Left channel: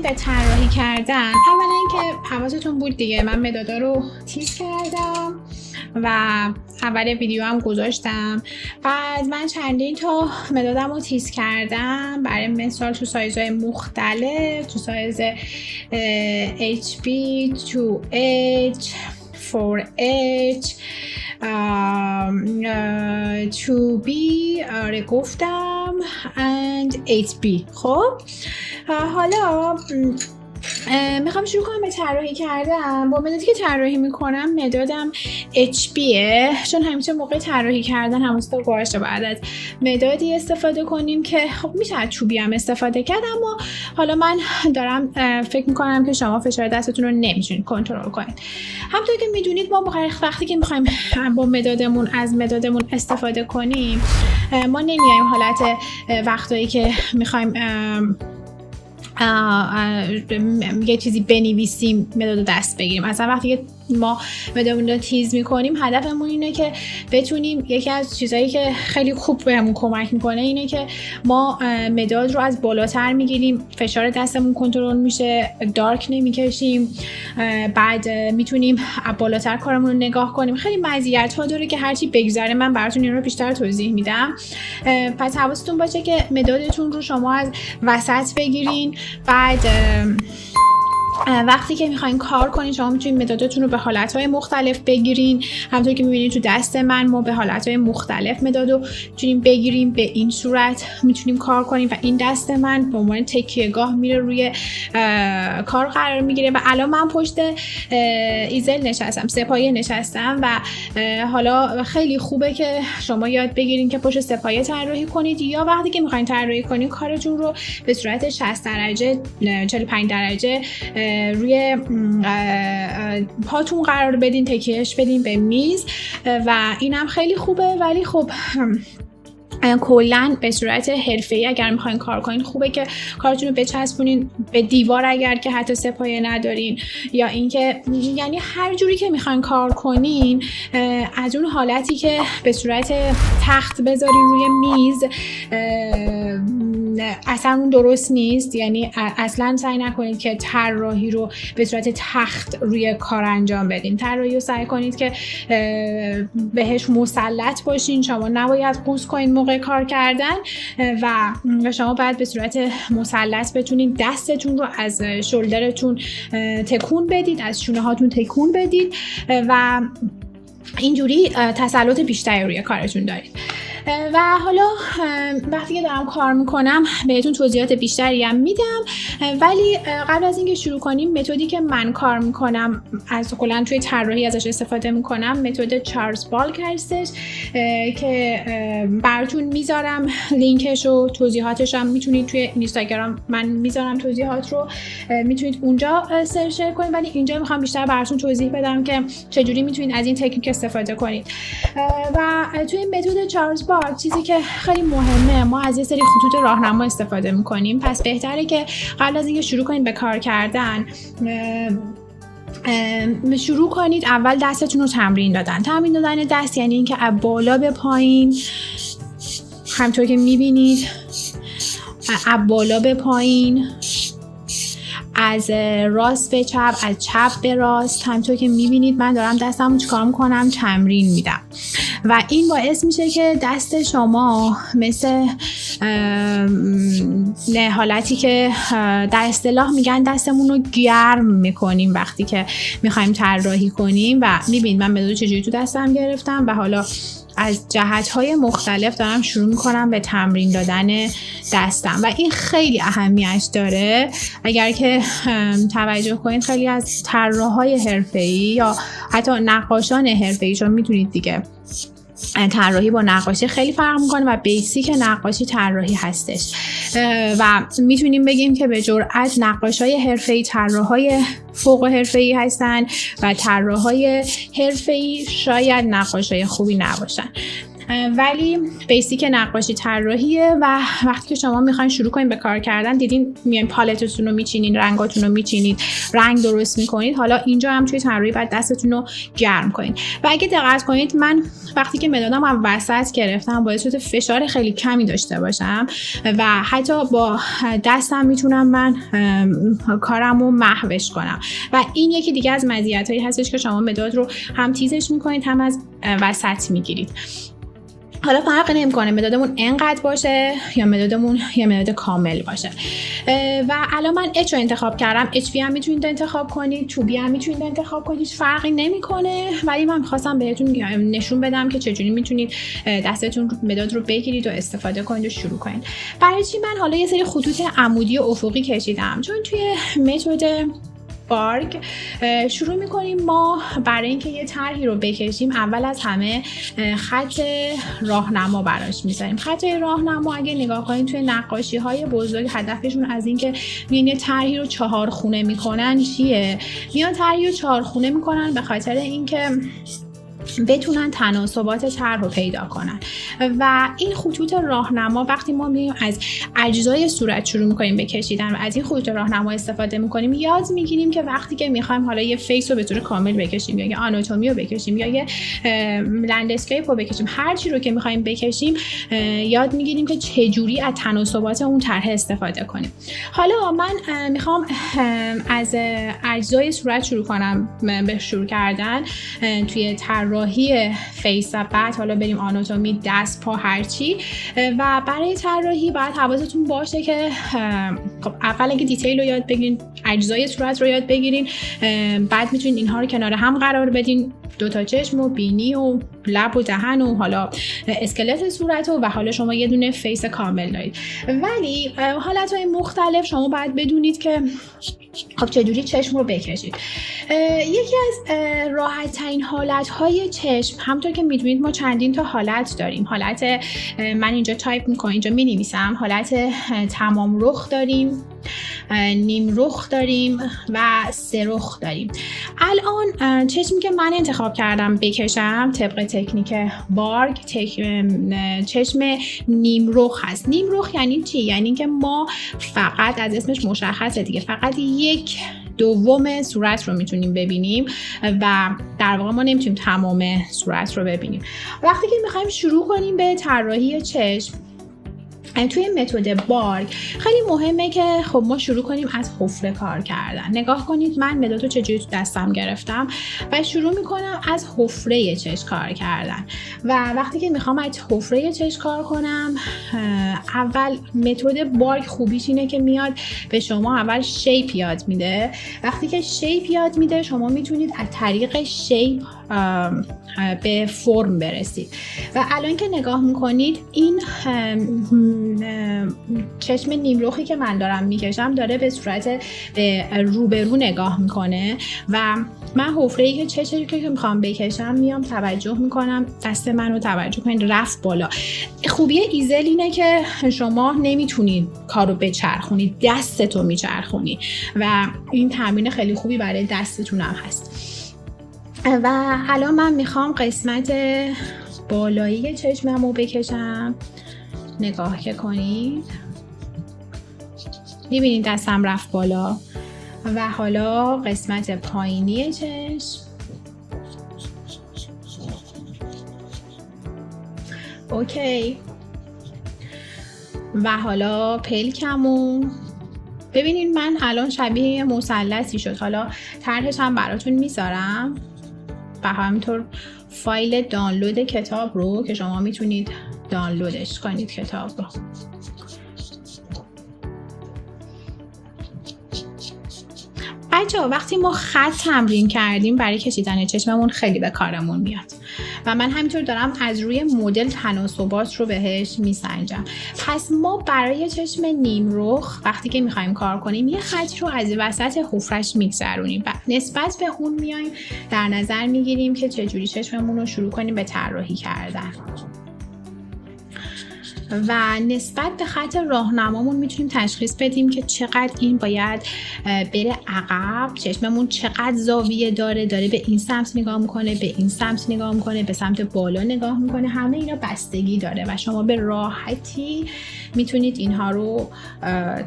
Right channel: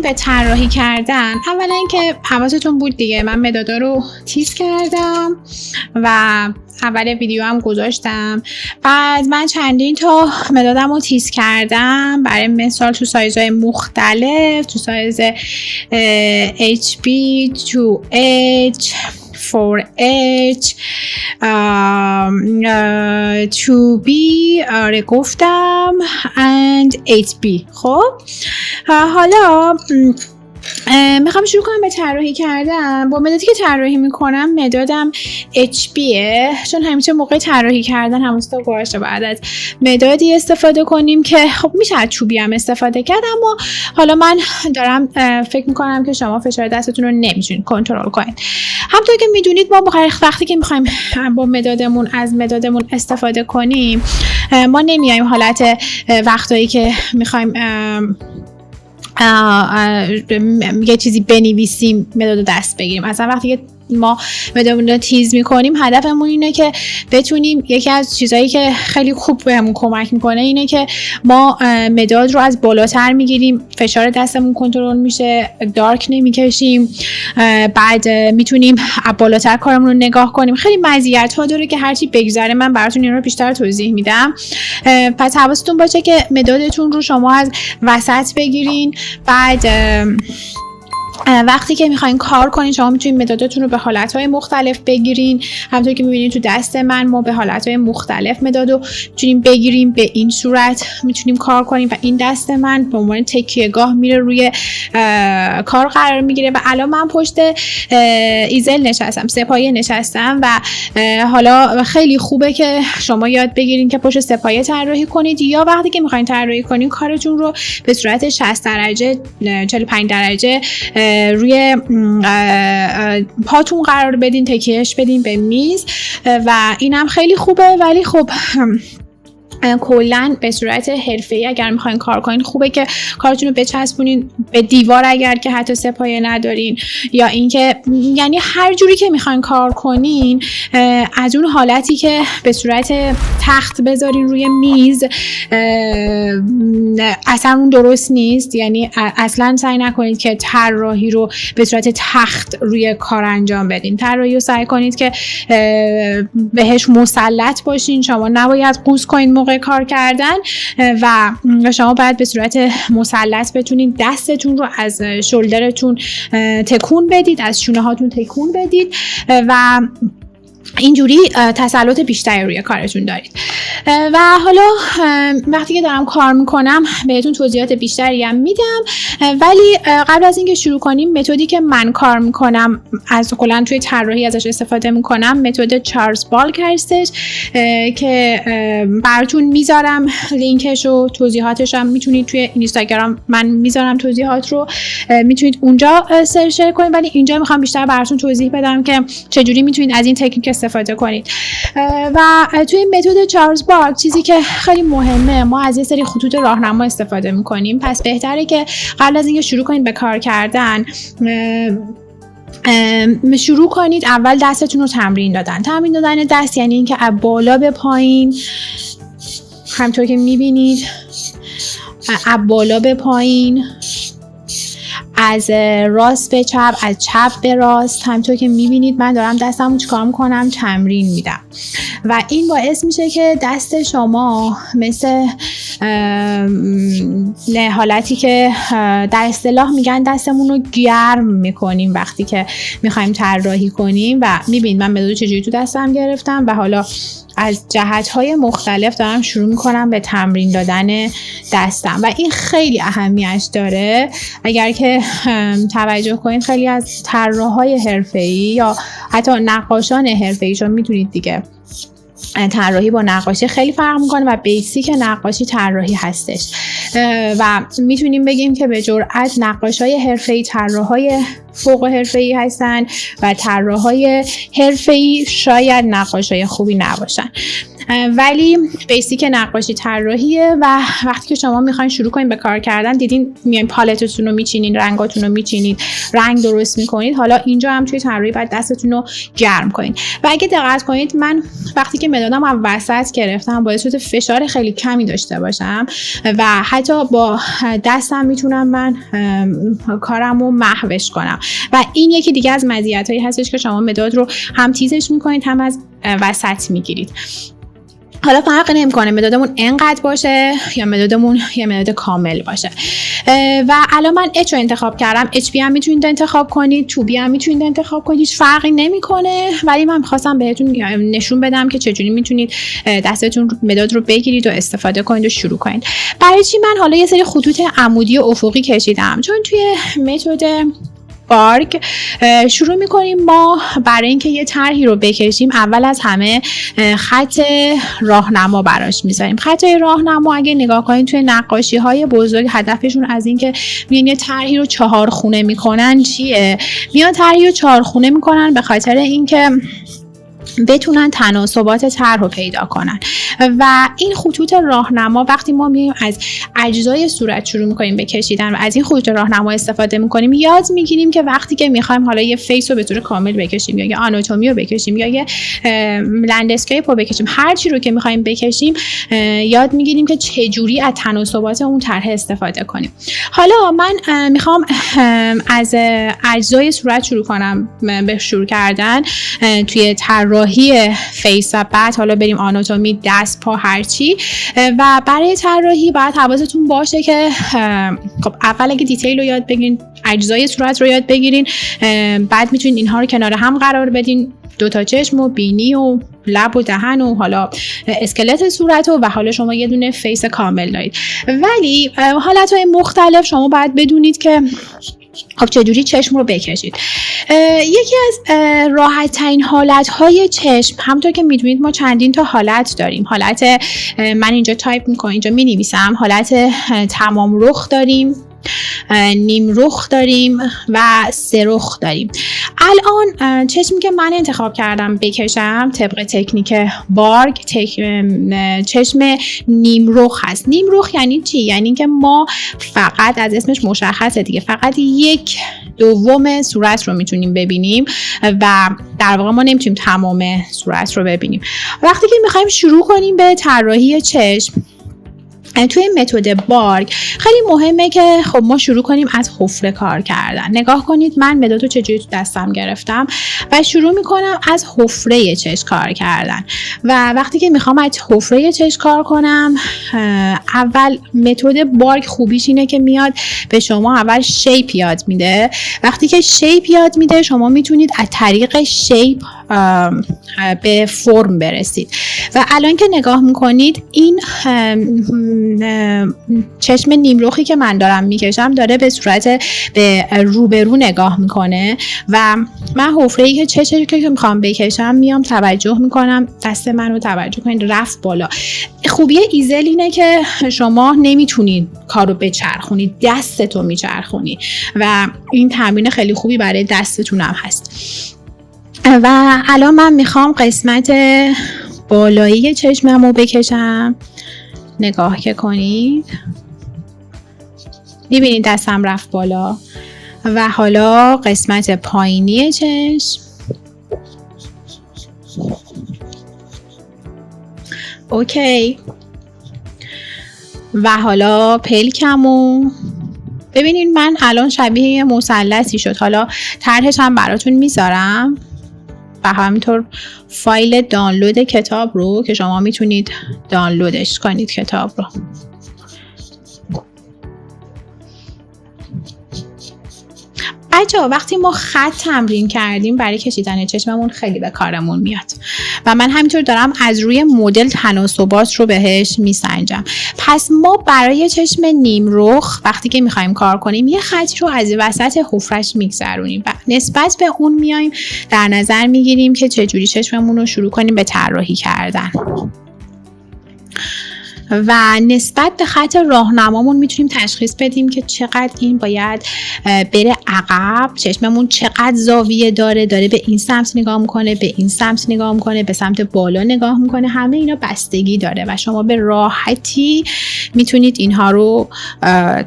برسیم به طراحی کردن، اولا که حواستون بود دیگه من مدادا رو تیز کردم و اول ویدیو هم گذاشتم. بعد من چندین تا مدادم رو تیز کردم، برای مثال تو سایزهای مختلف، تو سایز HB 2H 4H 2B آره گفتم and 8B. خب حالا میخوام شروع کنم به طراحی کردن. با مدادی که طراحی میکنم مدادم HBه، چون همیشه موقع طراحی کردن همونستا گواشته بعد از مدادی استفاده کنیم که خب میشه از چوبی هم استفاده کرد، اما حالا من دارم فکر میکنم که شما فشار دستتون رو نمیتونید کنترل کنید. همونطور که میدونید ما وقتی که میخوایم با مدادمون از مدادمون استفاده کنیم، ما نمیایم حالت وقتایی که میخوایم یه چیزی بنویسیم مداد دست بگیریم. اصلا وقتی که ما مدادمون رو تیز میکنیم هدفمون اینه که بتونیم، یکی از چیزایی که خیلی خوب بهمون کمک میکنه اینه که ما مداد رو از بالاتر میگیریم، فشار دستمون کنترل میشه، دارک نمیکشیم، بعد میتونیم بالاتر کارمون رو نگاه کنیم. خیلی مزیت ها داره که هرچی بگذره من براتون این رو بیشتر توضیح میدم. پس حواستون باشه که مدادتون رو شما از وسط بگیرین. بعد وقتی که میخواین کار کنین شما میتونین مداداتون رو به حالتهای مختلف بگیرین. همونطور که میبینید تو دست من ما به حالتهای مختلف مدادو میتونیم بگیریم، به این صورت میتونیم کار کنیم و این دست من به عنوان تکیه‌گاه میره روی کار قرار میگیره. و الان من پشت ایزل نشستم، سه‌پایه نشستم و حالا خیلی خوبه که شما یاد بگیرین که پشت سه‌پایه طراحی کنید، یا وقتی که میخواین طراحی کنین کارتون رو به صورت 60 درجه 45 درجه روی پاتون قرار بدین، تکیهش بدین به میز و اینم خیلی خوبه. ولی خب کلاً به صورت حرفه‌ای اگر میخواین کار کنین خوبه که کارتون رو بچسبونین به دیوار اگر که حتی سه‌پایه ندارین، یا اینکه یعنی هر جوری که میخواین کار کنین از اون حالتی که به صورت تخت بذارین روی میز اصلا اون درست نیست. یعنی اصلا سعی نکنید که طراحی رو به صورت تخت روی کار انجام بدین. طراحی رو سعی کنید که بهش مسلط باشین. شما نباید قوز کنید موقع کار کردن و شما باید به صورت مسلط بتونید دستتون رو از شولدرتون تکون بدید، از شونه هاتون تکون بدید و اینجوری تسلط بیشتری روی کارتون دارید. و حالا وقتی که دارم کار میکنم بهتون توضیحات بیشتری هم میدم، ولی قبل از اینکه شروع کنیم متدی که من کار میکنم از کلا توی طراحی ازش استفاده میکنم متد چارلز بالک هستش که براتون میذارم لینکش و توضیحاتش هم میتونید توی اینستاگرام من میذارم توضیحات رو، میتونید اونجا سرچ کنید. ولی اینجا میخوام بیشتر براتون توضیح بدم که چجوری میتونید از این تکنیک استفاده کنید. و توی متد چارلز بالک چیزی که خیلی مهمه، ما از یه سری خطوط راهنما استفاده میکنیم. پس بهتره که قبل از اینکه شروع کنید به کار کردن شروع کنید اول دستتون رو تمرین دادن دست یعنی اینکه از بالا به پایین، همونطور که میبینید از بالا به پایین، از راست به چپ، از چپ به راست، همونطور که میبینید من دارم دستمو چیکار میکنم تمرین میدم و این باعث میشه که دست شما مثل حالتی که در اصطلاح میگن دستمون رو گرم میکنیم وقتی که میخوایم طراحی کنیم. و میبینید من مداد چجوری تو دستم گرفتم و حالا از جهت‌های مختلف دارم شروع می‌کنم به تمرین دادن دستم و این خیلی اهمیت داره. اگر که توجه کنید خیلی از طراحای حرفه‌ای یا حتی نقاشان حرفه‌ای، چون می‌تونید دیگه طراحی با نقاشی خیلی فرق میکنه و بیسیک نقاشی طراحی هستش و میتونیم بگیم که به جرئت نقاشای حرفه‌ای طراحای فوق حرفه‌ای هستن و طراحای حرفه‌ای شاید نقاشای خوبی نباشن. ولی بیسیک نقاشی طراحیه و وقتی که شما میخواین شروع کنین به کار کردن، دیدین میاین پالتتون رو میچینین، رنگاتون رو میچینید، رنگ درست میکنید، حالا اینجا هم توی طراحی باید دستتون رو گرم کنین. و اگه دقت کنید من وقتی که مدادم از وسط گرفتم باعث شده فشار خیلی کمی داشته باشم و حتی با دستم میتونم من کارمو محوش کنم و این یکی دیگه از مزیتایی هستش که شما مداد رو هم تیزش میکنید هم از وسط میگیرید. حالا فرق نمیکنه مدادمون اینقدر باشه یا مدادمون یه مداد کامل باشه. و الان من اچ رو انتخاب کردم. اچ بی هم میتونید انتخاب کنید، تو بی هم میتونید انتخاب کنید، هیچ فرقی نمیکنه، ولی من می‌خواستم بهتون نشون بدم که چجوری میتونید دستتون مداد رو بگیرید و استفاده کنید و شروع کنید. برای چی من حالا یه سری خطوط عمودی و افقی کشیدم؟ چون توی متد بارگ شروع میکنیم ما برای اینکه یه طرحی رو بکشیم اول از همه خط راهنما براش میذاریم. خط راهنما اگه نگاه کنید توی نقاشی های بزرگ هدفشون از اینکه میان یه طرحی رو 4 خونه میکنن چیه؟ میان طرحی رو 4 خونه میکنن به خاطر اینکه بتونن تناسبات طرح رو پیدا کنن و این خطوط راهنما وقتی ما میایم از اجزای صورت شروع میکنیم به کشیدن و از این خطوط راهنما استفاده میکنیم یاد میگیریم که وقتی که میخوایم حالا یه فیس رو به طور کامل بکشیم یا یه آناتومی رو بکشیم یا یه لندسکیپ رو بکشیم، هر چی رو که میخوایم بکشیم یاد میگیریم که چجوری از تناسبات اون طرح استفاده کنیم. حالا من میخوام از اجزای صورت شروع کنم به شروع کردن توی طراحی فیس و بعد حالا بریم آناتومی، دست، پا، هرچی. و برای طراحی باید حواستون باشه که خب اول اگه دیتیل رو یاد بگیرین، اجزای صورت رو یاد بگیرین، بعد میتونین اینها رو کنار هم قرار بدین، 2 تا چشم و بینی و لب و دهن و حالا اسکلت صورت و حالا شما یه دونه فیس کامل دارید. ولی حالتهای مختلف شما باید بدونید که خب چجوری چشم رو بکشید. یکی از راحت ترین حالت های چشم، همونطور که میدونید ما چندین تا حالت داریم. حالت من اینجا تایپ میکنم، اینجا مینویسم، حالت تمام رخ داریم، نیم رخ داریم و 3 رخ داریم. الان چشمی که من انتخاب کردم بکشم طبق تکنیک بارگ چشم نیم رخ هست. نیم رخ یعنی چی؟ یعنی که ما فقط، از اسمش مشخصه دیگه، فقط 1/2 صورت رو میتونیم ببینیم و در واقع ما نمیتونیم تمام صورت رو ببینیم. وقتی که میخوایم شروع کنیم به طراحی چشم توی متد بارگ خیلی مهمه که خب ما شروع کنیم از حفره کار کردن. نگاه کنید من مداد رو چجوری تو دستم گرفتم و شروع میکنم از حفره چشم کار کردن. و وقتی که میخوام از حفره چشم کار کنم، اول متد بارگ خوبیش اینه که میاد به شما اول شیپ یاد میده. وقتی که شیپ یاد میده شما میتونید از طریق شیپ به فرم برسید. و الان که نگاه میکنید این چشم نیمرخی که من دارم میکشم داره به صورت به روبرو نگاه میکنه و من حفره‌ای که چشمی که میخوام بکشم میام توجه میکنم، دست من رو توجه کنید رفت بالا. خوبی ایزل اینه که شما نمیتونید کارو بچرخونید، دستتو میچرخونید و این تمرین خیلی خوبی برای دستتون هم هست. و الان من میخوام قسمت بالایی چشمم رو بکشم. نگاه که کنید میبینید دستم رفت بالا. و حالا قسمت پایینی چشم. اوکی. و حالا پلکمو ببینید من الان شبیه مثلثی شد. حالا طرحش هم براتون میذارم و همینطور فایل دانلود کتاب رو که شما میتونید دانلودش کنید کتاب رو. بچه‌ها وقتی ما خط تمرین کردیم برای کشیدن چشممون خیلی به کارمون میاد و من همینطور دارم از روی مدل تناسبات رو بهش میسنجم. پس ما برای چشم نیم رخ وقتی که میخوایم کار کنیم یه خطی رو از وسط حفرش میگذرونیم و نسبت به اون میایم در نظر میگیریم که چجوری چشممون رو شروع کنیم به طراحی کردن. و نسبت به خط راهنمامون میتونیم تشخیص بدیم که چقدر این باید بره عقب، چشممون چقدر زاویه داره به این سمت نگاه میکنه، به این سمت نگاه میکنه، به سمت بالا نگاه میکنه. همه اینا بستگی داره و شما به راحتی میتونید اینها رو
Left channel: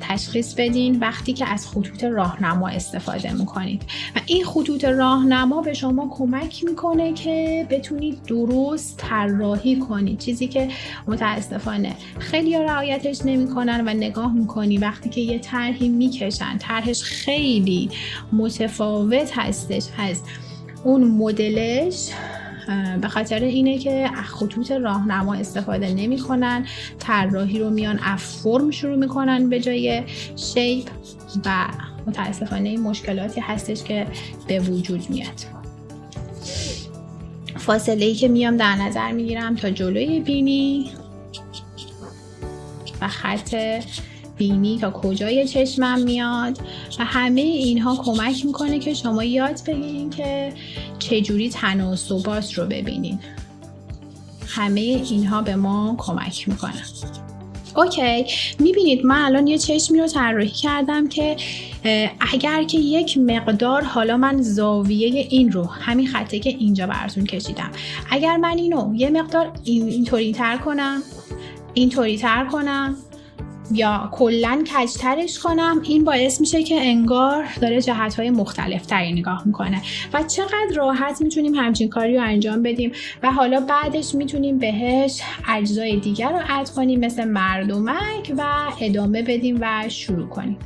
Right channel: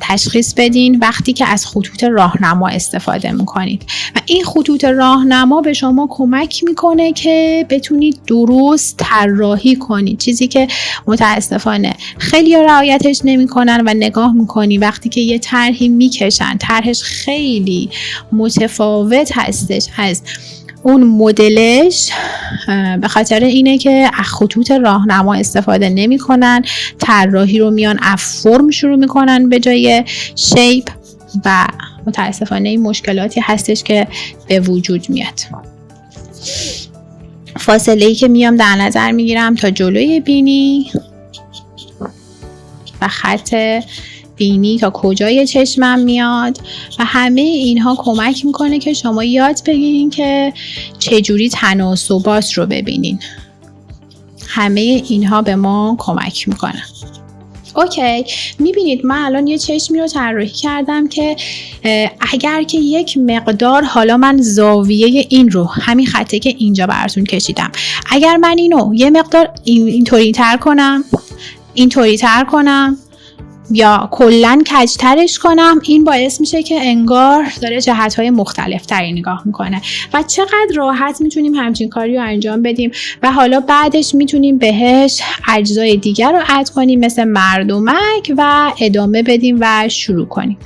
تشخیص بدین وقتی که از خطوط راهنما استفاده میکنید. و این خطوط راهنما به شما کمک میکنه که بتونید درست طراحی کنید، چیزی که متاسفانه خیلی رعایتش نمیکنن و نگاه میکنی وقتی که یه طرحی میکشن طرحش خیلی متفاوت هستش از اون مدلش، به خاطر اینه که از خطوط راهنما استفاده نمیکنن، طراحی رو میان از فرم شروع میکنن به جای شیپ و متاسفانه این مشکلاتی هستش که به وجود میاد. فاصله‌ای که میام در نظر میگیرم تا جلوی بینی و خط بینی تا کجای چشمم میاد و همه اینها کمک میکنه که شما یاد بگیرین که چجوری تناسبات رو ببینین. همه اینها به ما کمک میکنه. اوکی، میبینید من الان یه چشمی رو طراحی کردم که اگر که یک مقدار، حالا من زاویه این رو، همین خطی که اینجا براتون کشیدم، اگر من اینو یه مقدار اینطوری تر کنم، اینطوری تر کنم یا کلن کجترش کنم، این باعث میشه که انگار داره جهت‌های مختلف تری نگاه میکنه و چقدر راحت میتونیم همچین کاری رو انجام بدیم و حالا بعدش میتونیم بهش اجزای دیگر رو اد کنیم مثل مردمک و ادامه بدیم و شروع کنیم.